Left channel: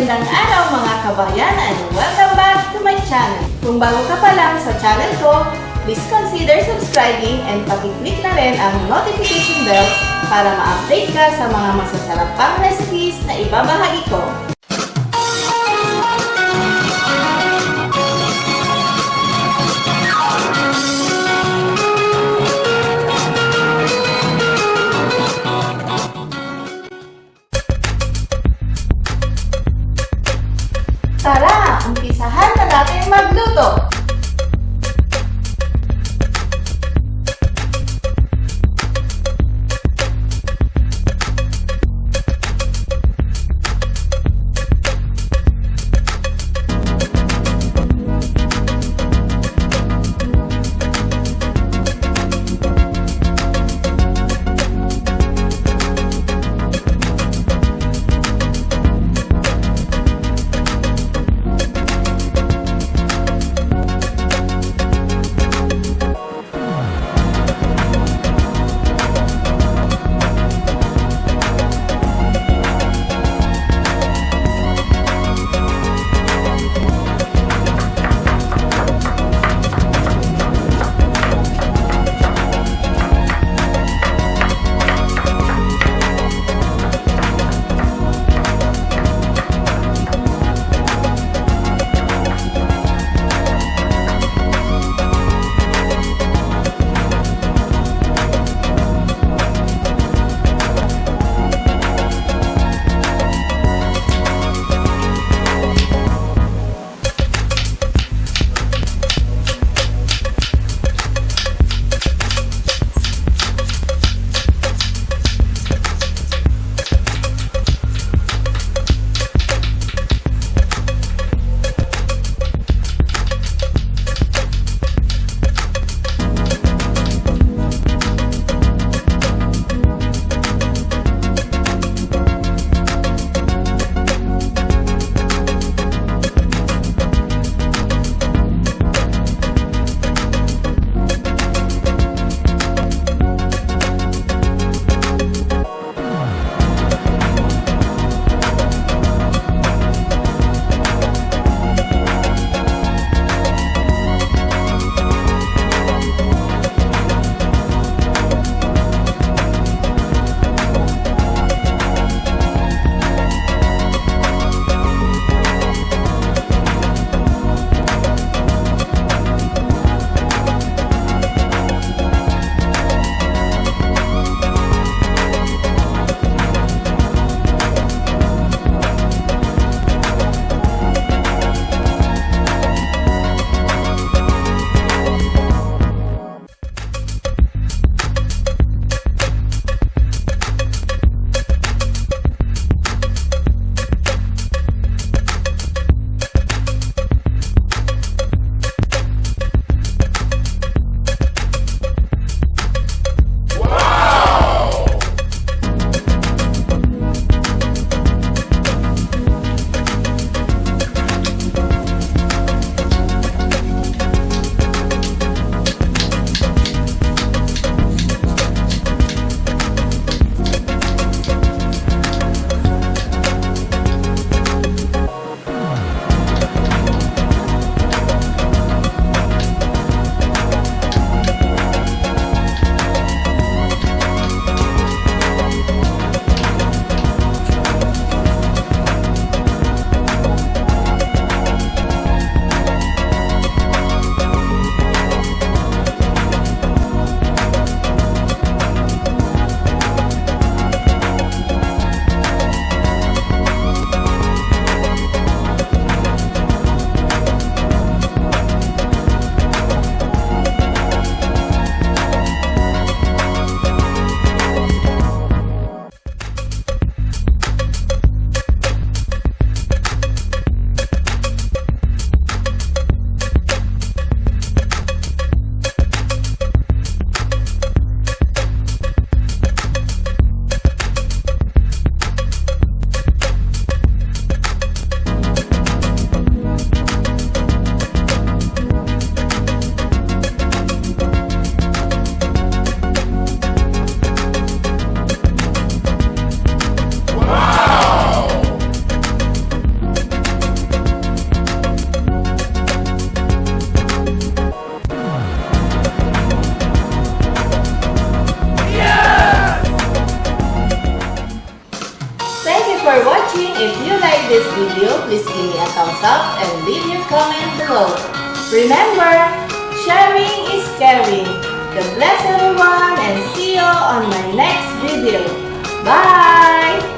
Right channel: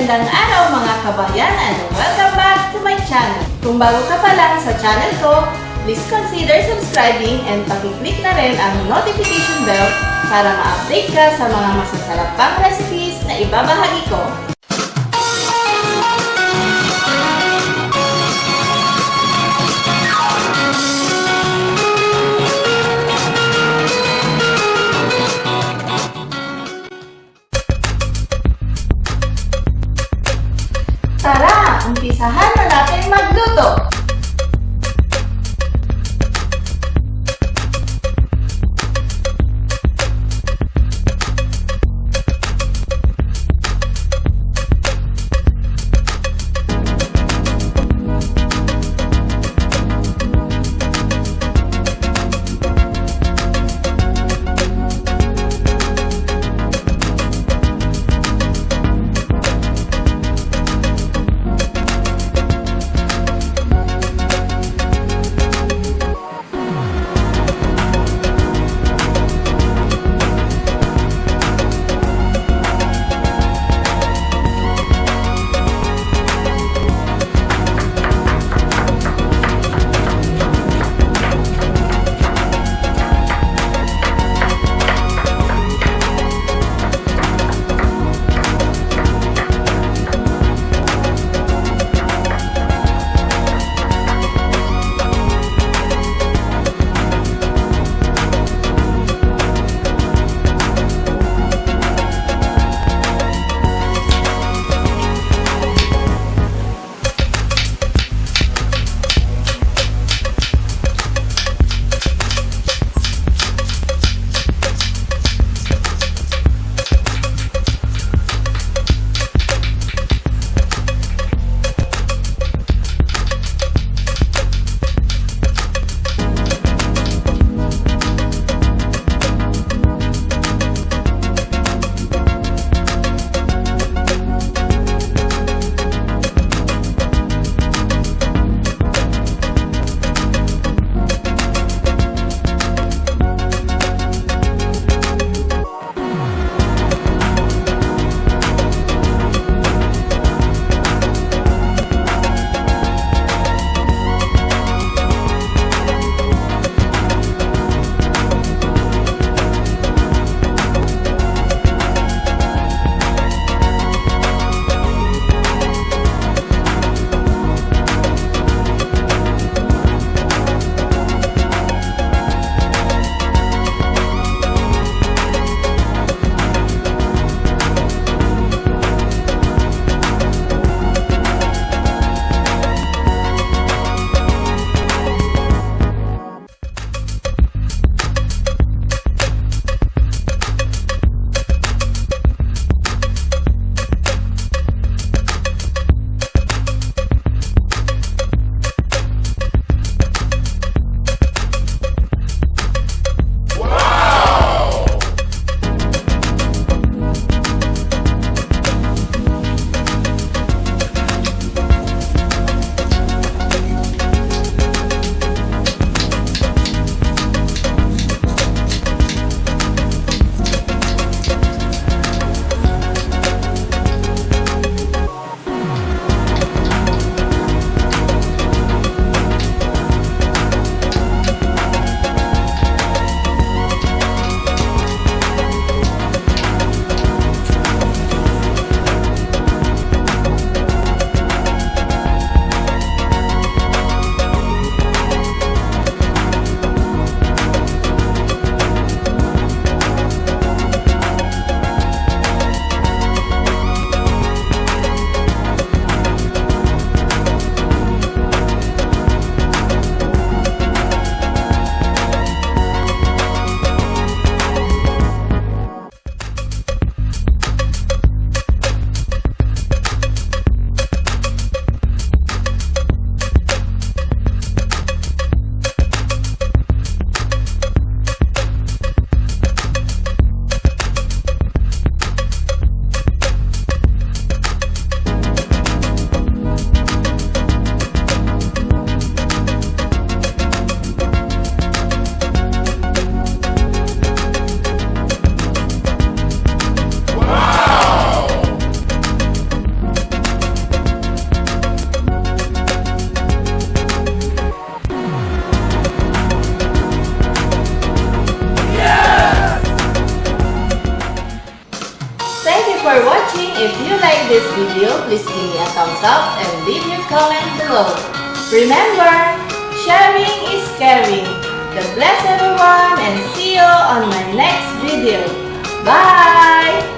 magandang araw mga kabayan and welcome back to my channel. Kung bago ka pa lang sa channel ko, please consider subscribing and pakiclick na rin ang notification bell para ma-update ka sa mga masasarapang recipes na ibabahagi ko. Tara, umpisahan na natin magluto! this video, please give me a thumbs up and leave your comment below. Remember, sharing is caring. God bless everyone and see you on my next video. Bye!